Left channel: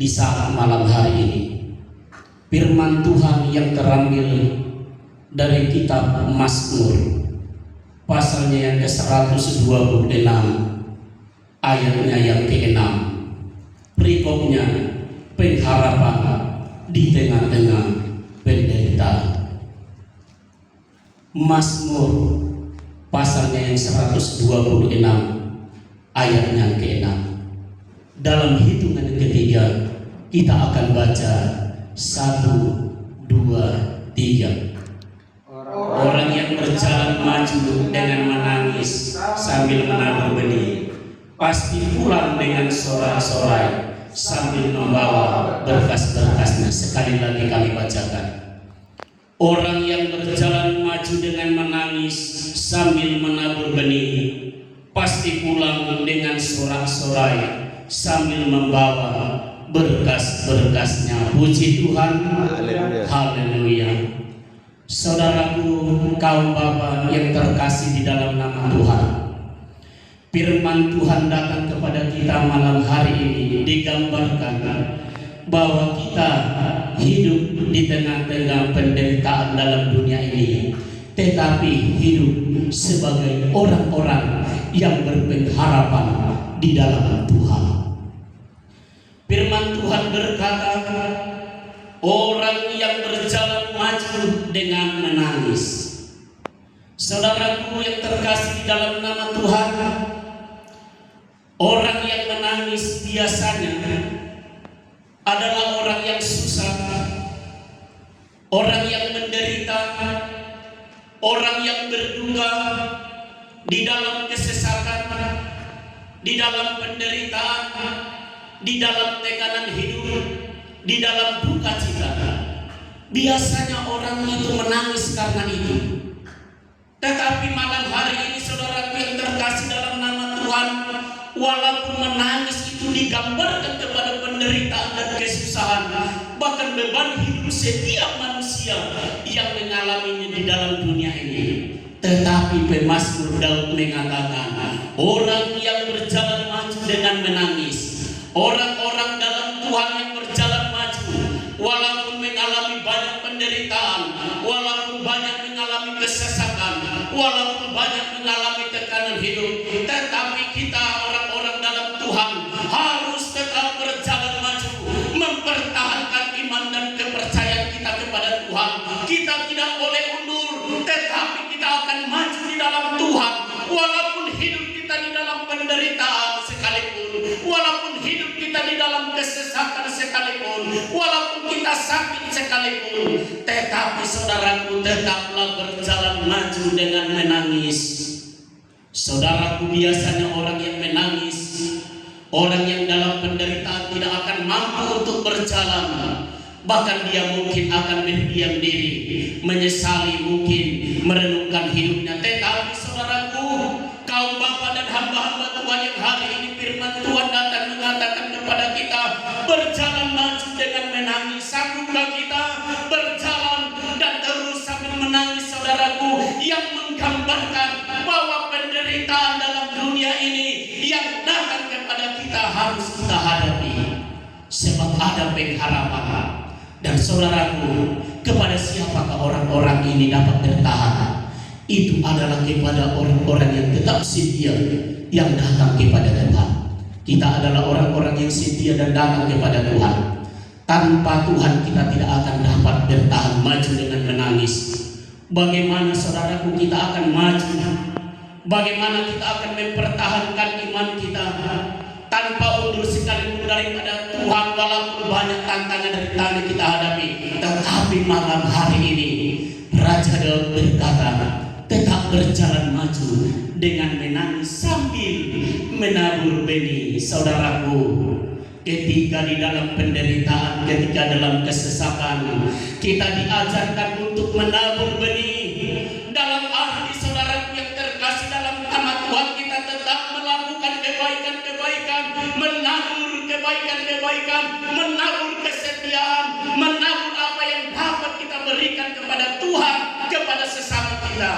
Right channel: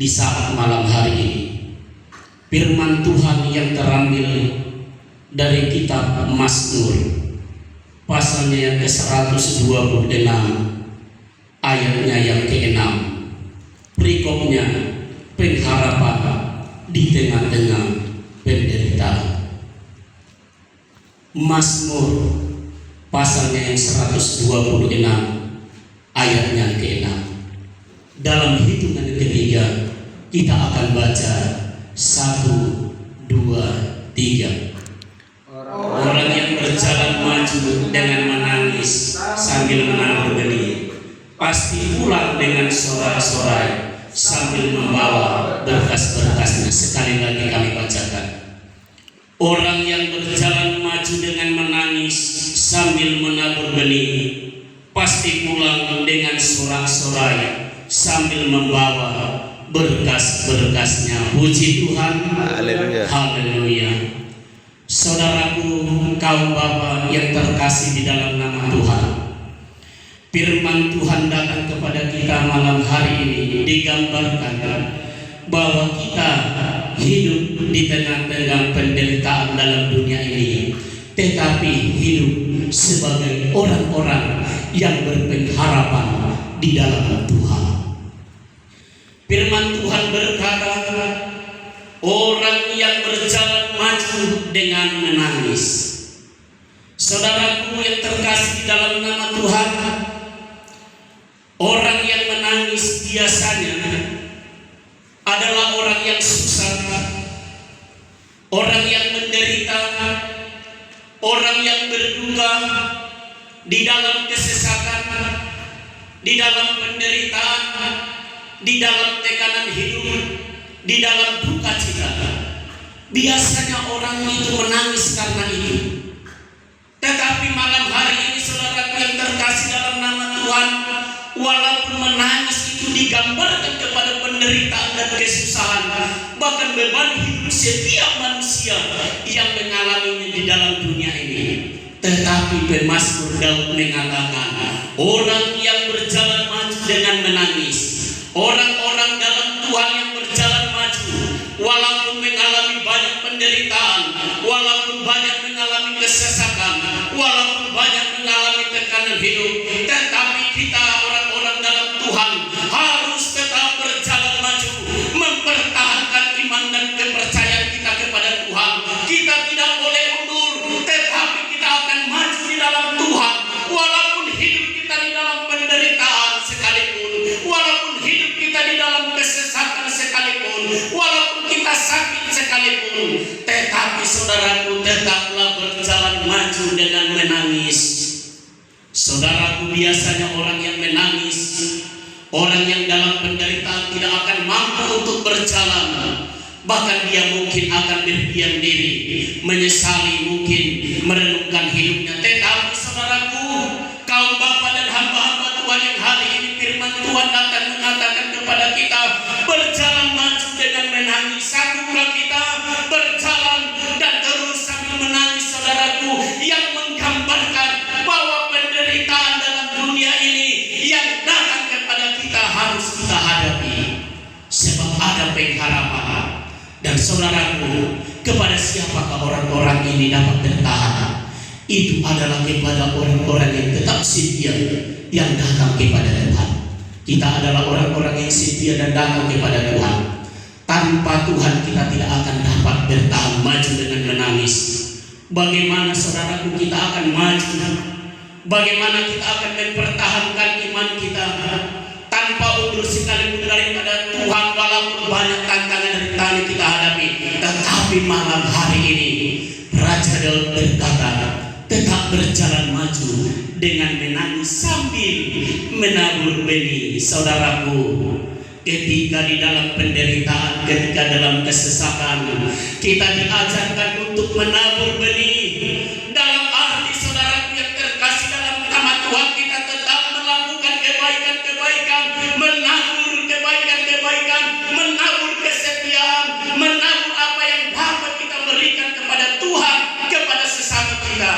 di saat malam hari ini. Firman Tuhan yang terambil dari kitab Mazmur pasalnya yang ke-126 ayatnya yang ke-6. Perikopnya pengharapan di tengah-tengah penderitaan. Mazmur pasalnya yang 126 ayatnya ke-6. Dalam hitungan ketiga kita akan baca 1, 2, 3. Orang yang berjalan maju dengan menangis sambil menabur benih pasti pulang dengan sorak-sorai sambil membawa berkas-berkasnya. Sekali lagi kami bacakan. Orang yang berjalan maju dengan menangis sambil menabur benih pasti pulang dengan sorak-sorai sambil membawa berkas-berkasnya. Puji Tuhan. Haleluya. Haleluya. Saudaraku, kaum bapa yang terkasih di dalam nama Tuhan, firman Tuhan datang kepada kita malam hari ini digambarkan bahwa kita hidup di tengah-tengah penderitaan dalam dunia ini, tetapi hidup sebagai orang-orang yang berpengharapan di dalam Tuhan. Firman Tuhan berkata, orang yang berjalan maju dengan menangis. Saudaraku yang terkasih di dalam nama Tuhan, orang yang menangis biasanya adalah orang yang susah, orang yang menderita, orang yang berduka di dalam kesesakan, di dalam penderitaan, di dalam tekanan hidup, di dalam duka cita. Biasanya orang itu menangis karena itu. Tetapi malam hari ini saudaraku yang terkasih dalam nama Tuhan, walaupun menangis itu digambarkan kepada penderitaan dan kesusahan, bahkan beban hidup setiap manusia yang mengalaminya di dalam dunia ini, tetapi pemazmur Daud mengatakan, orang yang berjalan maju dengan menangis, orang-orang dalam Tuhan yang berjalan maju, walaupun mengalami banyak penderitaan, walaupun banyak mengalami kesesakan, walaupun banyak mengalami tekanan hidup, tetapi kita orang-orang dalam Tuhan harus tetap berjalan maju, mempertahankan iman dan kepercayaan kita kepada Tuhan. Kita tidak boleh mundur, tetapi kita akan maju di dalam Tuhan, walaupun hidup kita di dalam penderitaan sekalipun, walaupun hidup kita di dalam kesesakan sekalipun, walaupun kita sakit sekalipun, tetapi saudaraku tetaplah berjalan maju dengan menangis. Saudaraku, biasanya orang yang menangis, orang yang dalam penderitaan tidak akan mampu untuk berjalan, bahkan dia mungkin akan berdiam diri, menyesali, mungkin merenungkan hidupnya. Tetapi saudaraku, kaum bapa dan hamba-hamba Tuhan yang hari ini firman Tuhan datang mengatakan kepada kita, berjalan maju dengan menangis. Sanggupkah kita berjalan dan terus sambil menangis, saudaraku, yang menggambarkan bahwa penderitaan dalam dunia ini yang datang kepada kita harus kita hadapi, sebab ada pengharapan. Dan saudaraku, kepada siapakah orang-orang ini dapat bertahan? Itu adalah kepada orang-orang yang tetap setia, yang datang kepada Tuhan. Kita adalah orang-orang yang setia dan datang kepada Tuhan. Tanpa Tuhan kita tidak akan dapat bertahan maju dengan menangis. Bagaimana saudaraku kita akan maju? Bagaimana kita akan mempertahankan iman kita tanpa undur sekalipun daripada Tuhan, walaupun banyak tantangan dan rintangan kita hadapi? Tetapi malam hari ini Raja Daud berkata, tetap berjalan maju dengan menangis sambil menabur benih. Saudaraku, ketika di dalam penderitaan, ketika dalam kesesakan, kita diajarkan untuk menabur benih. Dalam arti saudaraku yang terkasih dalam nama Tuhan, kita tetap melakukan kebaikan-kebaikan, menabur kebaikan-kebaikan, menabur kesetiaan, menabur apa yang dapat kita berikan kepada Tuhan, kepada sesama kita.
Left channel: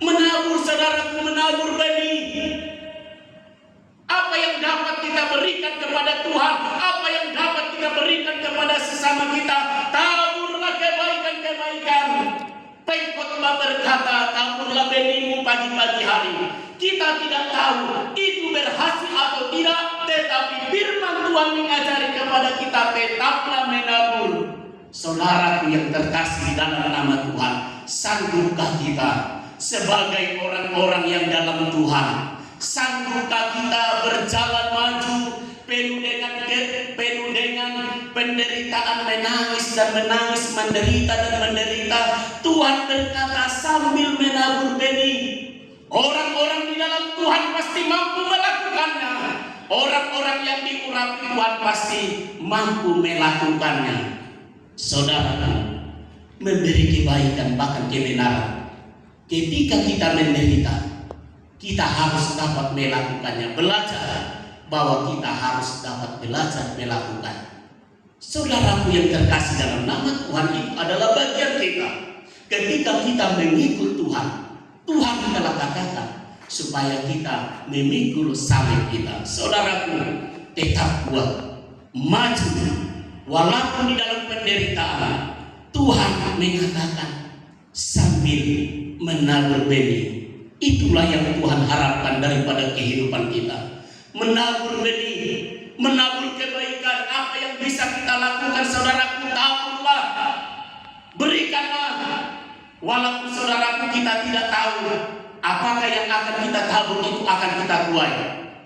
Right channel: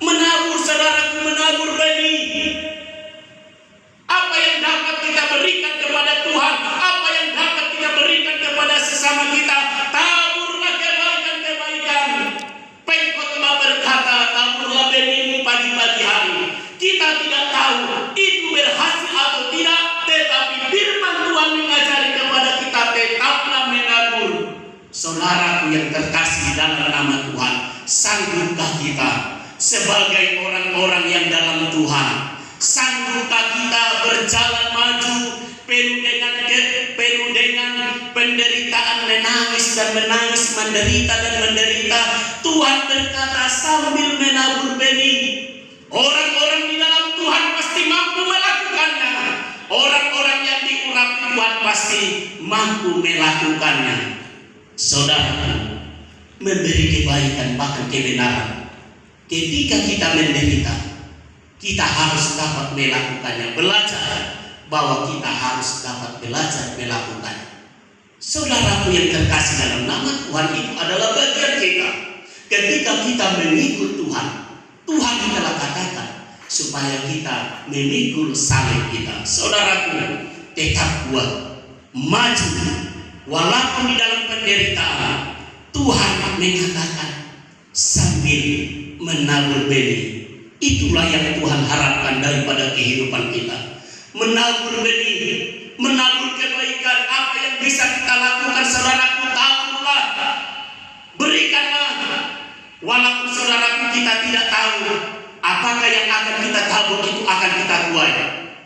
Menabur, saudaraku, menabur benih. Apa yang dapat kita berikan kepada Tuhan, apa yang dapat kita tetaplah menabur. Saudaraku yang terkasih dalam nama Tuhan, sanggupkah kita sebagai orang-orang yang dalam Tuhan, sanggupkah kita berjalan maju penuh dengan penderitaan, menangis dan menangis, menderita dan menderita? Tuhan berkata sambil menabur benih, orang-orang di dalam Tuhan pasti mampu melakukannya. Orang-orang yang diurapi Tuhan pasti mampu melakukannya. Saudara, memberi kebaikan bahkan kebenaran, ketika kita menderita, kita harus dapat melakukannya. Belajar bahwa kita harus dapat belajar melakukannya. Saudaraku yang terkasih dalam nama Tuhan, itu adalah bagian kita. Ketika kita memikul Tuhan, Tuhan telah katakan supaya kita memikul salib kita. Saudaraku, tetap kuat, maju, walaupun di dalam penderitaan. Tuhan mengatakan sambil menabur benih. Itulah yang Tuhan harapkan daripada kehidupan kita. Menabur benih, menabur kebaikan. Apa yang bisa kita lakukan, saudaraku, taburlah, berikanlah. Walaupun saudaraku kita tidak tahu apakah yang akan kita tabur itu akan kita tuai,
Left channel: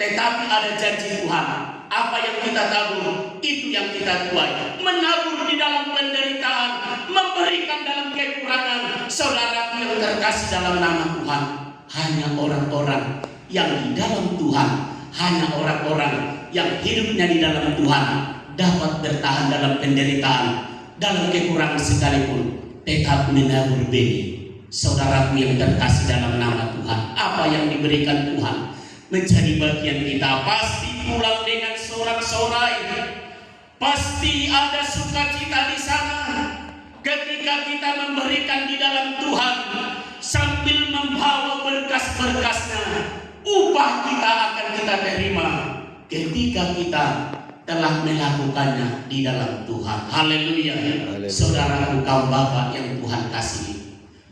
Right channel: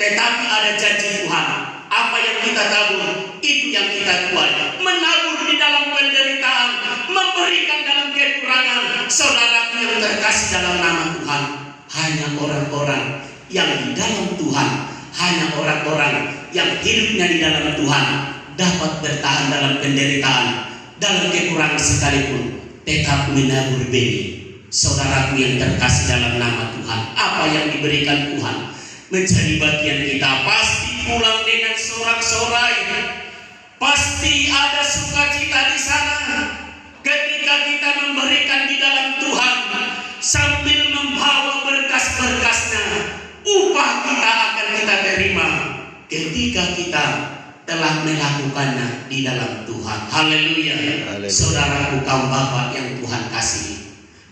tetapi ada janji Tuhan. Apa yang kita tabur itu yang kita tuai. Menabur di dalam penderitaan, memberikan dalam kekurangan. Saudaraku yang terkasih dalam nama Tuhan, hanya orang-orang yang di dalam Tuhan, hanya orang-orang yang hidupnya di dalam Tuhan dapat bertahan dalam penderitaan, dalam kekurangan sekalipun, tetap menabur benih. Saudaraku yang terkasih dalam nama Tuhan, apa yang diberikan Tuhan menjadi bagian kita. Pasti pulang dengan sorak-sorai, pasti ada sukacita di sana ketika kita memberikan di dalam Tuhan sambil membawa berkas-berkasnya. Upah kita akan kita terima ketika kita telah melakukannya di dalam Tuhan. Haleluya. Saudaraku, kaum bapak yang Tuhan kasih,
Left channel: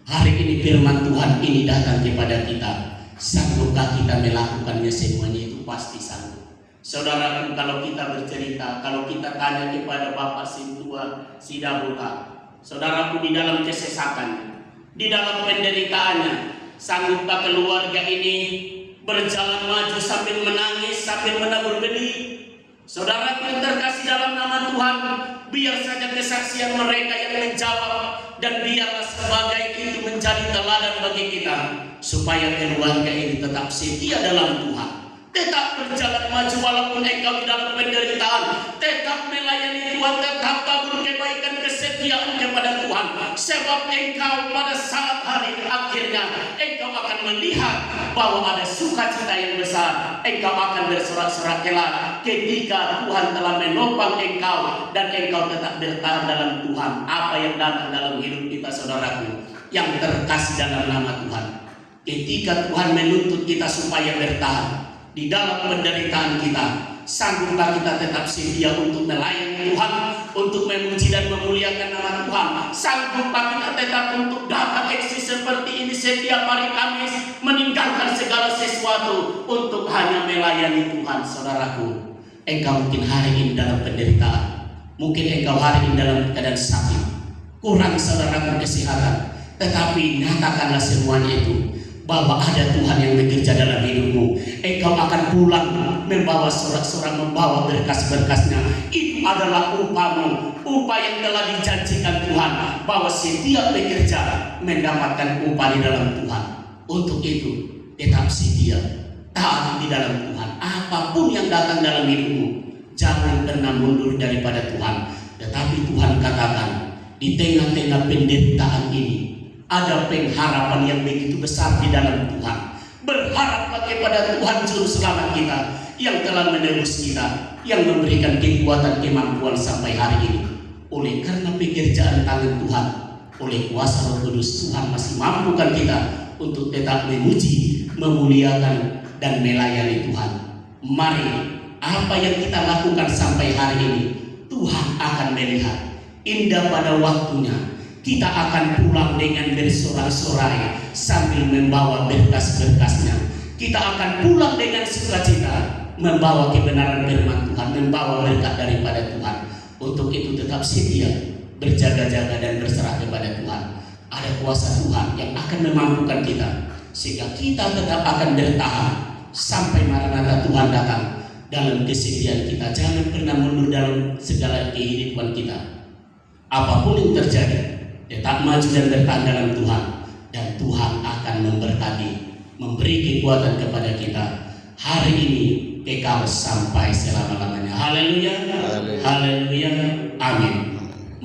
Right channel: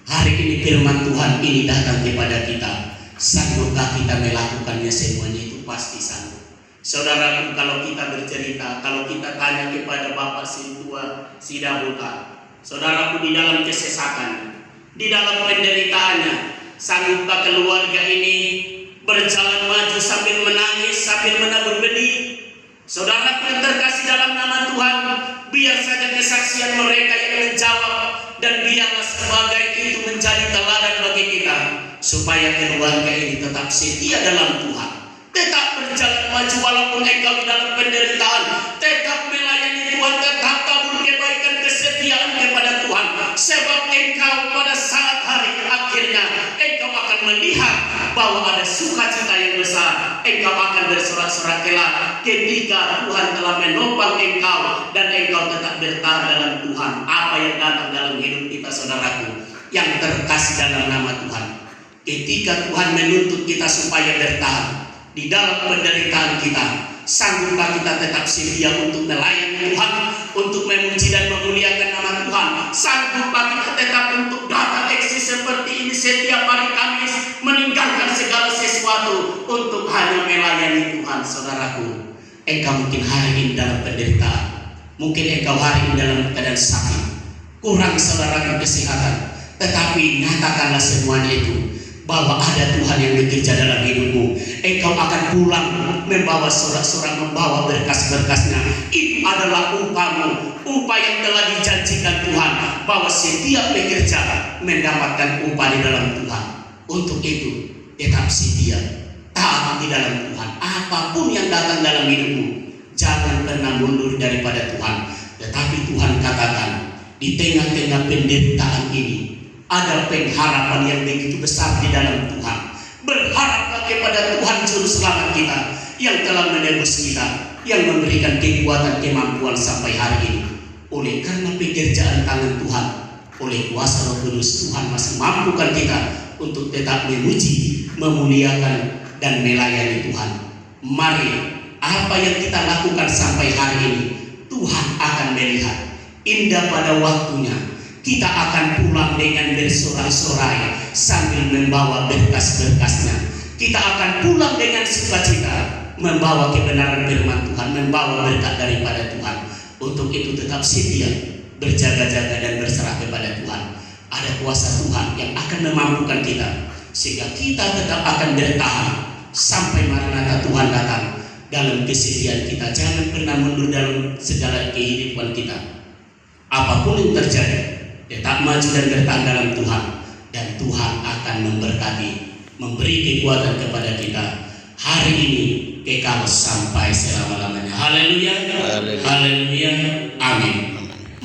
hari ini firman Tuhan ini datang kepada kita. Sanggupkah kita melakukannya? Semuanya itu pasti sanggup. Saudaraku, kalau kita bercerita, kalau kita tanya kepada Bapak Sintua Sidabuta, saudaraku, di dalam kesesakannya, di dalam penderitaannya, sanggupkah keluarga ini berjalan maju sambil menangis, sambil menabur benih? Saudaraku yang terkasih dalam nama Tuhan, biar saja kesaksian mereka yang menjawab, dan biarlah sebagai itu menjadi teladan bagi kita, supaya keluarga ini tetap setia dalam Tuhan, tetap berjalan maju walaupun engkau di dalam penderitaan, tetap melayani Tuhan, tetap tabur kebaikan kesetiaan kepada Tuhan, sebab engkau pada saat hari akhirnya engkau akan melihat bahwa ada sukacita yang besar. Engkau akan bersorak-sorak kelak ketika Tuhan telah menopang engkau dan engkau tetap bertahan dalam Tuhan. Apa yang datang dalam hidup kita, saudaraku yang terkasih dalam nama Tuhan, ketika Tuhan menuntut kita supaya bertahan di dalam penderitaan kita, sanggupkah kita tetap setia untuk melayani Tuhan, untuk memuji dan memuliakan nama Tuhan? Sanggupkah kita tetap untuk datang eksis seperti ini setiap hari Kamis, meninggalkan segala sesuatu untuk hanya melayani Tuhan? Saudaraku, engkau mungkin hari ini dalam penderitaan, mungkin engkau hari ini dalam keadaan sakit, kurang saudaraku kesehatan, tetapi nyatakanlah semuanya itu bahwa ada Tuhan yang bekerja dalam hidupmu. Engkau akan pulang membawa sorak-sorak, membawa berkas-berkasnya. Itu adalah upahmu, upah yang telah dijanjikan Tuhan, bahwa setiap pekerja mendapatkan upah di dalam Tuhan. Untuk itu tetap setia, taat di dalam Tuhan. Apapun yang datang dalam hidupmu, jangan pernah mundur daripada Tuhan. Tetapi Tuhan katakan, di tengah-tengah penderitaan ini ada pengharapan yang begitu besar di dalam Tuhan. Berharaplah kepada Tuhan Juru Selamat kita, yang telah menebus kita, yang memberikan kekuatan kemampuan sampai hari ini. Oleh karena pekerjaan tangan Tuhan, oleh kuasa Roh Kudus, Tuhan masih mampukan kita untuk tetap memuji, memuliakan, dan melayani Tuhan. Mari, apa yang kita lakukan sampai hari ini, Tuhan akan melihat. Indah pada waktunya kita akan pulang dengan bersorak-sorai sambil membawa berkas-berkasnya. Kita akan pulang dengan sukacita, membawa kebenaran firman Tuhan, membawa berkat daripada Tuhan. Untuk itu tetap setia, berjaga-jaga dan berserah kepada Tuhan. Ada kuasa Tuhan yang akan memampukan kita, sehingga kita tetap akan bertahan sampai Maranatha Tuhan datang. Dalam kesedihan kita, jangan pernah mundur dalam segala kehidupan kita. Apapun yang terjadi, tetap maju dan bertahan dalam Tuhan, dan Tuhan akan memberkati, memberi kekuatan kepada kita hari ini kekal sampai selama-lamanya. Haleluya, haleluya, amin.